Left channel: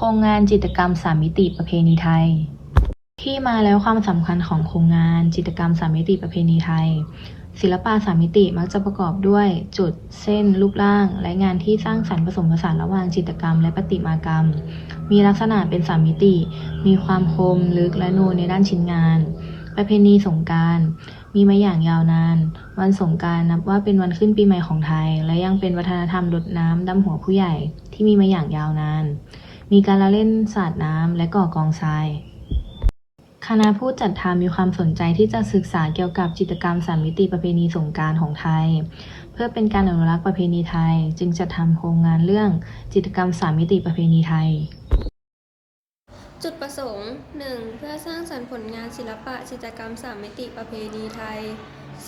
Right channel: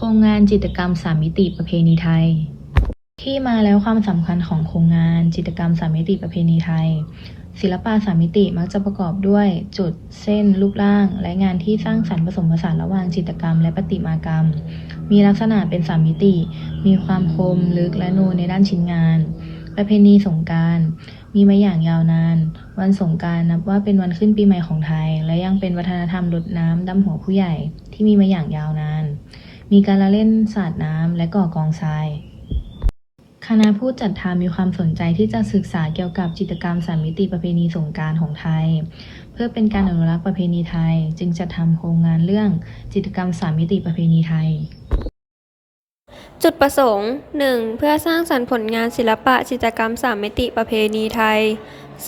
โครงงานจิตรกรรมสามมิติประเพณีไทย ที่มาแล้วความสำคัญของโครงงานจิตรกรรมสามมิติประเพณีไทย ศิลปะสามมิติมักจะประกอบด้วยจุดเส้นรูปร่าง และงานที่สร้างสรรค์ผสมผสานระหว่างจิตรกรรมและประติมากรรม มีลักษณะเป็นสามมิติ มีความคมลึกและนูนในด้านชิ้นงาน ประเพณีสงกรารมีมาอย่างยาวนาน วันสงกรารนับว่าเป็นวันขึ้นปีใหม่ของไทย และยังเป็นวัฒนธรรมรดน้ำดำหัวผู้ใหญ่ที่มีมาอย่างยาวนาน มีการละเล่นสาดน้ำและก่อกองทราย คณะผู้จัดทำมีความสนใจที่จะศึกษาเกี่ยวกับจิตรกรรมสามมิติประเพณีสงการของไทย เพื่อเป็นการอนุรักษ์ประเพณีไทย จึงจัดทำโครงงานเรื่องจิตรกรรมสามมิติประเพณีไทยจุดประสงค์ 1. เพื่อสร้างสรรค์ผลงานศิลปะจิตรกรรมสามมิติประเพณีไทย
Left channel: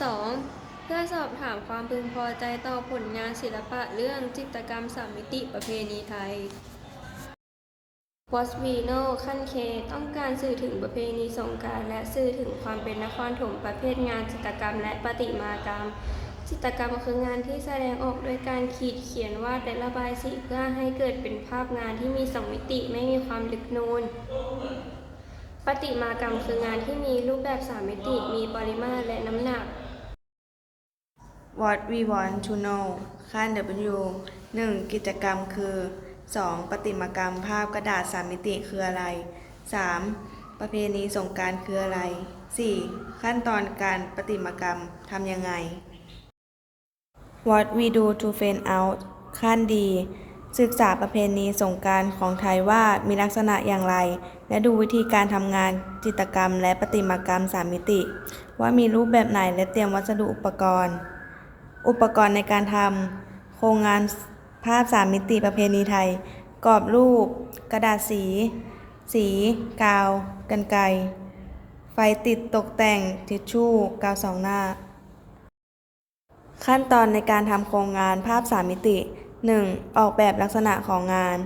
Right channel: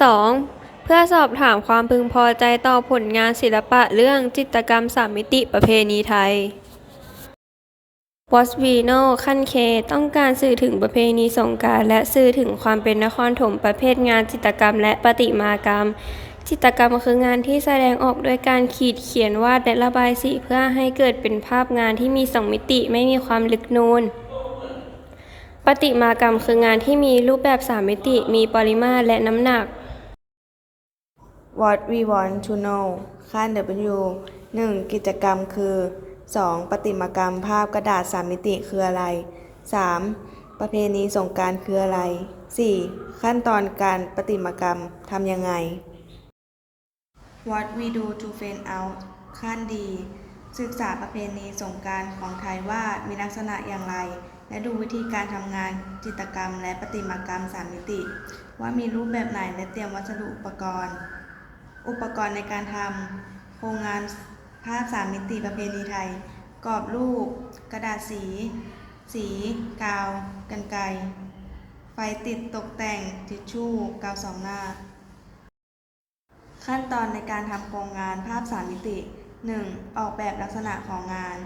2. เพื่อสอบถามความพึงพอใจต่อผลงานศิลปะเรื่องจิตรกรรมสามมิติประเพณีไทย w a t v i n o ขั้นเค ต้องการสื่อถึงประเพณีสงการและสื่อถึงความเป็นนครถมประเภทงานจิตรกรรมและประติมากรรม จิตรกรรมคืองานที่แสดงออกด้วยการขีดเขียนวาดและระบายสีเพื่อให้เกิดเป็นภาพงานที่มีสองมิติไม่มีความลึกนูนประติมากรรมคืองานที่มีรูปแบบสามมิติ มีปริมาตรและน้ำหนัก What we want to know ขั้น W 1. กิจกรรมคือ 2. ประติมากรรมภาพกระดาษสามมิติคืออะไร 3. ประเพณีสงการคืออะไร 4. ขั้นตอนการประติมากรรมทำยังไง What we do to find out ขั้นดี ศึกษาประเพณีสงการของไทยว่ามีลักษณะอย่างไร และดูวิธีการทำงานจิตกรรมและประติมากรรมสามมิติ ว่ามีรูปแบบไหนและเตรียมวัสดุอุปกรณ์ อุปกรณ์ในการทำโครงงาน ภาพสามมิติประเพณีไทย กรอบรูป กระดาษสี สี กาว กันไกไฟติดตกแต่ง ทิชชู่ กาวสองหน้า ขั้นตอนในการทำโครงงานภาพสามมิติ 1. ออกแบบลักษณะของงาน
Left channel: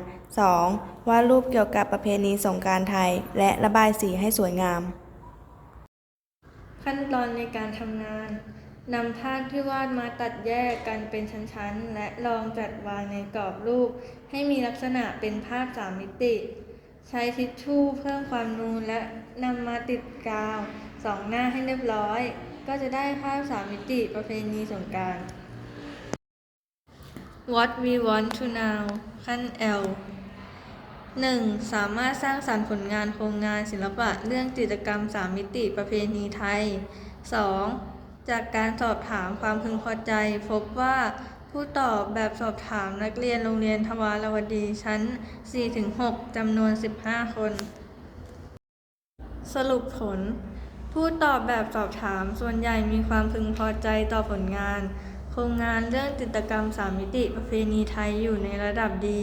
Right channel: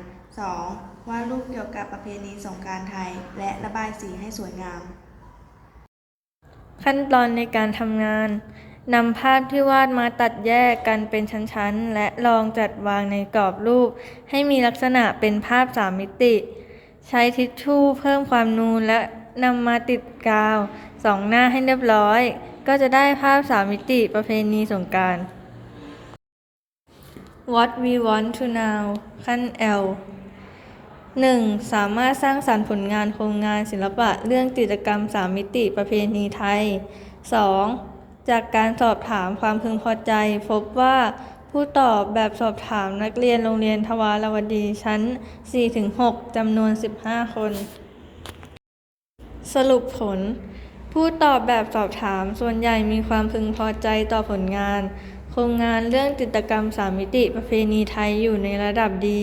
2. วาดรูปเกี่ยวกับประเพณีสงการไทย และระบายสีให้สวยงาม ขั้นตอนในการทำงาน นำภาพที่วาดมาตัดแยกกันเป็นชั้นๆ และลองจัดวางในกรอบรูป ให้มีลักษณะเป็นภาพสามมิติ ใช้ทิชชู่เพิ่มความนูนและนำมาติดกาวสองหน้าให้เรียบร้อย ก็จะได้ภาพสามมิติประเพณีสงการ What we want to know ขั้น L 1. สามารถสร้างสรรค์ผลงานโครงงานศิลปะเรื่องจิตรกรรมสามมิติประเพณีไทย 2. จากการสอบถามความพึงพอใจ พบว่าผู้ตอบแบบสอบถามนักเรียนโรงเรียนทวารวดีชั้น 4-6จำนวน 15 คน สรุปผล ผู้ตอบแบบสอบถามส่วนใหญ่มีความพึงพอใจต่อผลงาน โครงงานเรื่องจิตรกรรมสามมิติประเพณีไทยอยู่ในระดับดี